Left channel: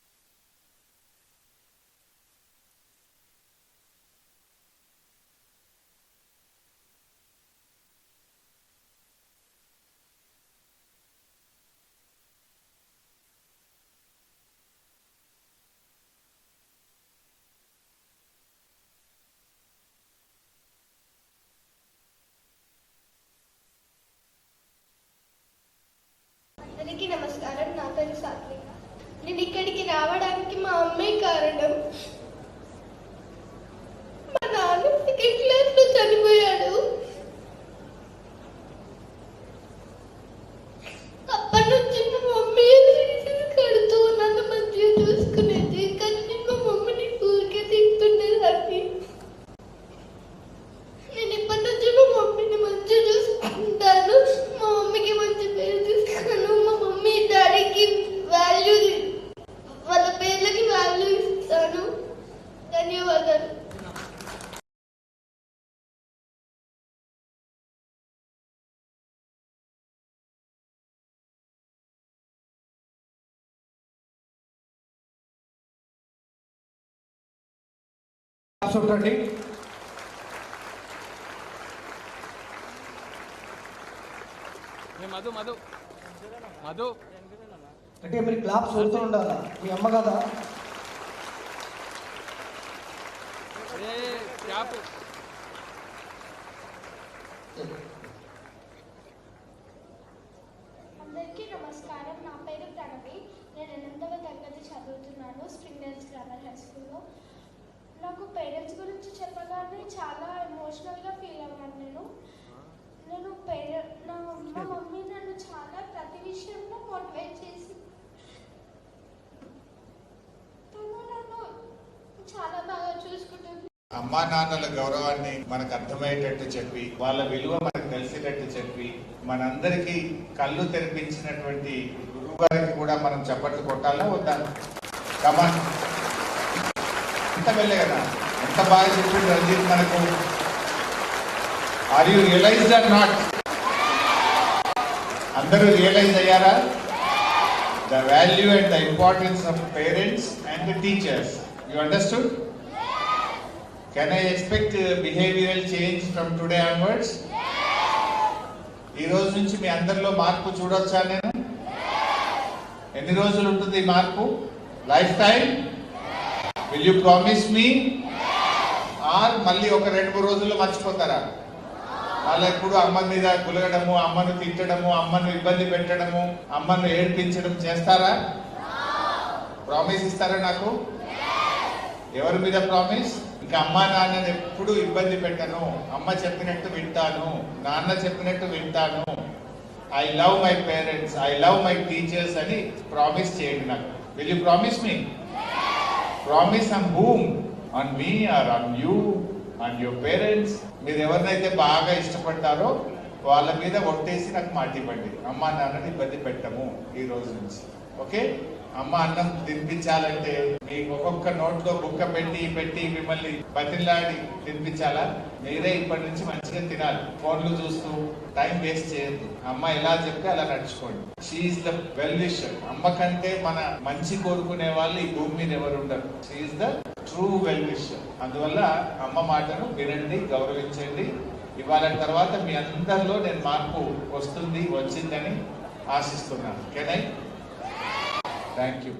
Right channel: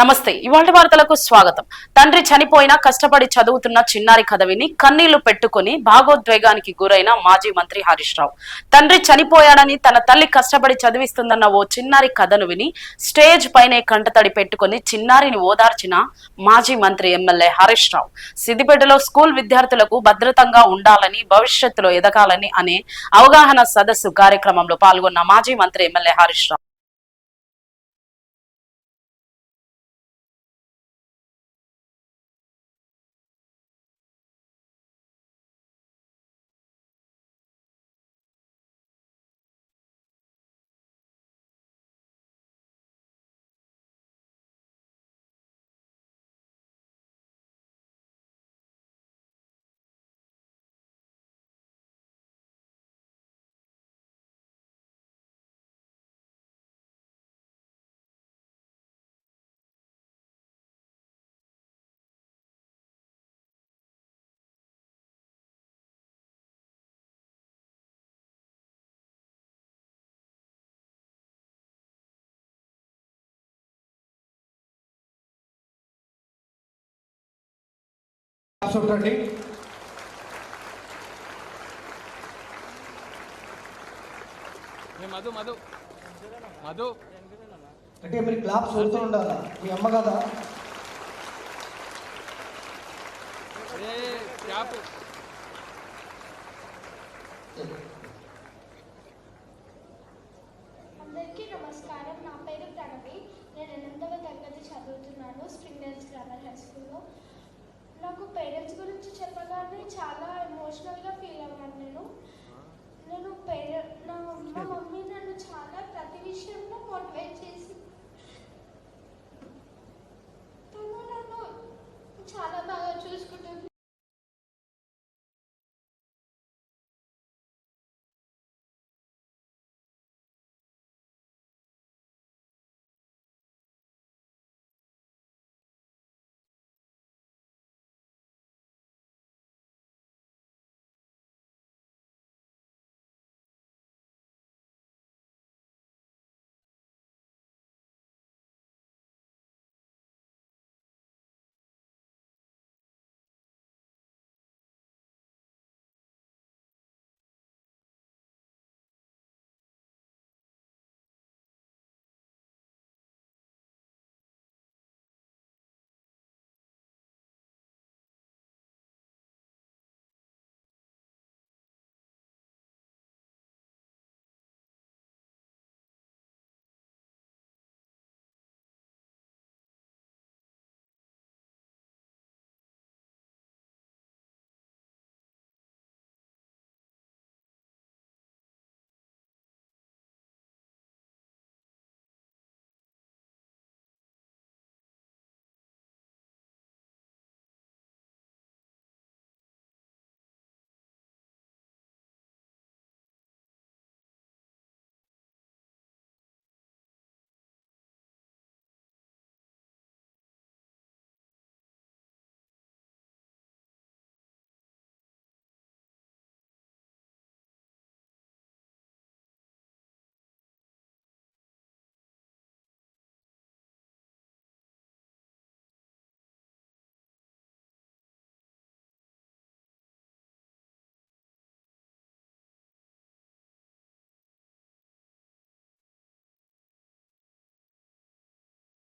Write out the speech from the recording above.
నమస్తే. ఇవాళ వార్తలకు స్వాగతం. తండ్రి చనిపోయినా కష్టపడి చదువుతున్న చిన్నారి కథ విని కన్నీళ్లు పెట్టుకుని భాగోద్వేగానికి గురైన మాజీ మంత్రి హరీష్ రావు. తండ్రి చనిపోయాడని తన తల్లి కష్టపడి చదివిస్తుందన్న ఓ చిన్నారి కథను విని స్టేజ్ పైనే కంటతడి పెట్టుకుని చిన్నారిని ఓదార్చిన మాజీ మంత్రి ఎమ్మెల్యే హరీష్ రావు. సిద్దిపేటలో స్కూల్ విద్యార్థులకు భద్రతంగా ఉండాలని, భవిష్యత్తులో ఎదగాలని అనే అవగాహన సదస్సు కార్యక్రమంలో పాల్గొన్న మాజీ మంత్రి ఎమ్మెల్యే హరీష్ రావు. నేను ఇక్కడికి రావడానికి మా అమ్మే కారణం. మా నాన్న సెకండ్ క్లాస్ లో చనిపోయాడు. అప్పటి నుంచి మా మమ్మీ కడుతూ నన్ను మంచిగా చూసుకునేది, కానీ మా మమ్మీని ఊరికే తింటుండేదాన్ని. నేను ఇప్పటి నుంచి మా మమ్మీని మంచిగా చూసుకుంటాను, మా మమ్మీకి మంచి పేరు తీస్తాను, మా మమ్మీ డాడీకి వాల్యూ, వాళ్ళ పేర్లకి వాల్యూ ఇస్తాను. ధన్యవాదాలు. మధు మధు మధు అంటే మీరు క్లాప్స్ కొడుతూ ఉండాలా? మీ అమ్మ కదా? అందరికీ నమస్కారం. నా పేరు ప్రణవి. నేను 8వ తరగతి చదువుతున్నాను స్ప్రింగ్ డేల్స్ గ్రామర్ హై స్కూల్లో. నాకు పేరెంట్స్ గురించి చెప్పగానే చాలా ఎమోషనల్గా ఫీల్ అవ్వాను. నేను మా మమ్మీ నన్ను చాలా ప్రతి విషయంలో మోటివేట్ చేసి చాలా బాగా చూసుకుంటుంది. అమ్మా నాన్నల గౌరవాన్ని మనకు అర్థమయ్యేటట్టు చెప్పి, వాళ్ళ విలువ మనకు తెలిసేటట్టు చెప్పి, మనందరికీ కళ్ళు తెరిపించినటువంటి గురువు గారికి కూడా మనం చప్పట్లు కొట్టాలా వద్దా? కమన్, ఎంత వెళ్ళే కదా, ఎంత బాగా చెప్పింది రంజిత్ మనకు. Are you realised or not? అందరూ రియలైజ్ అయ్యారా? The value and the importance of parents and the teachers. You understood? Can I expect behavioral change from today onwards? ఈ రోజు నుంచి మీ అందరిలో మార్పు చూడొచ్చా నేను? ఎన్ని రోజులు ఉంటుంది ఈ మార్పు? Life time? Will you promise me? Or మళ్ళీ ఒక 2-3 రోజుల్లో మర్చిపోతారా? వాళ్ళు ఎప్పుడు అమ్మ మీద గులగడము, అమ్మను తిట్టడము, అమ్మను ఇబ్బంది పెట్టడము, అమ్మను ఏడ్పించడం చేస్తారా? ప్రామిస్ ఇస్తారా నాకు? ఎవరి మీద ప్రామిస్? ఇంకా అమ్మ నాన్నని ఎప్పుడు ఇబ్బంది పెట్టను, అమ్మ చెప్పినట్టు వింటాను, నాన్న చెప్పినట్టు వింటాను, I love my parents, I love my teachers అని ప్రామిస్ చేయండి నాకు. Will you promise me? Promise on whom? On me or on you, on your parents? మీరు ఎవరినైతే బాగా ఇష్టపడతారో వాళ్ళ మీద ఒట్టేసి నాకు మాట ఇవ్వండి, అమ్మ నాన్నని ఇబ్బంది పెట్టము ఈ రోజు నుంచి. ఓకే? అమ్మ అన్నం తినిపించాలంటే మీకు ఒక్కొక్క నోట్లో బుక్క పెట్టి మిమ్మల్ని బతిలాడి తినిపించాలా? మీరే ఇప్పటి నుంచి మంచిగా తినాలి. ఫోన్లు చూస్తూ టైం వేస్ట్ చేయొద్దు. అమ్మ ఎలా చెప్తే అలా నడుచుకోండి. She is the well wisher. అమ్మ కంటే మన మంచి కోరుకునే వాళ్ళు ఈ భూమి మీద ఎవరు ఉండరు. She's the true well wisher. అందువల్ల అమ్మ మాటను వినండి, గౌరవించండి. ఇవాళ తర్వాత మీ అందరిలో నేను మార్పు వచ్చిందని ఆశిస్తున్నాను. Can I? Thank you.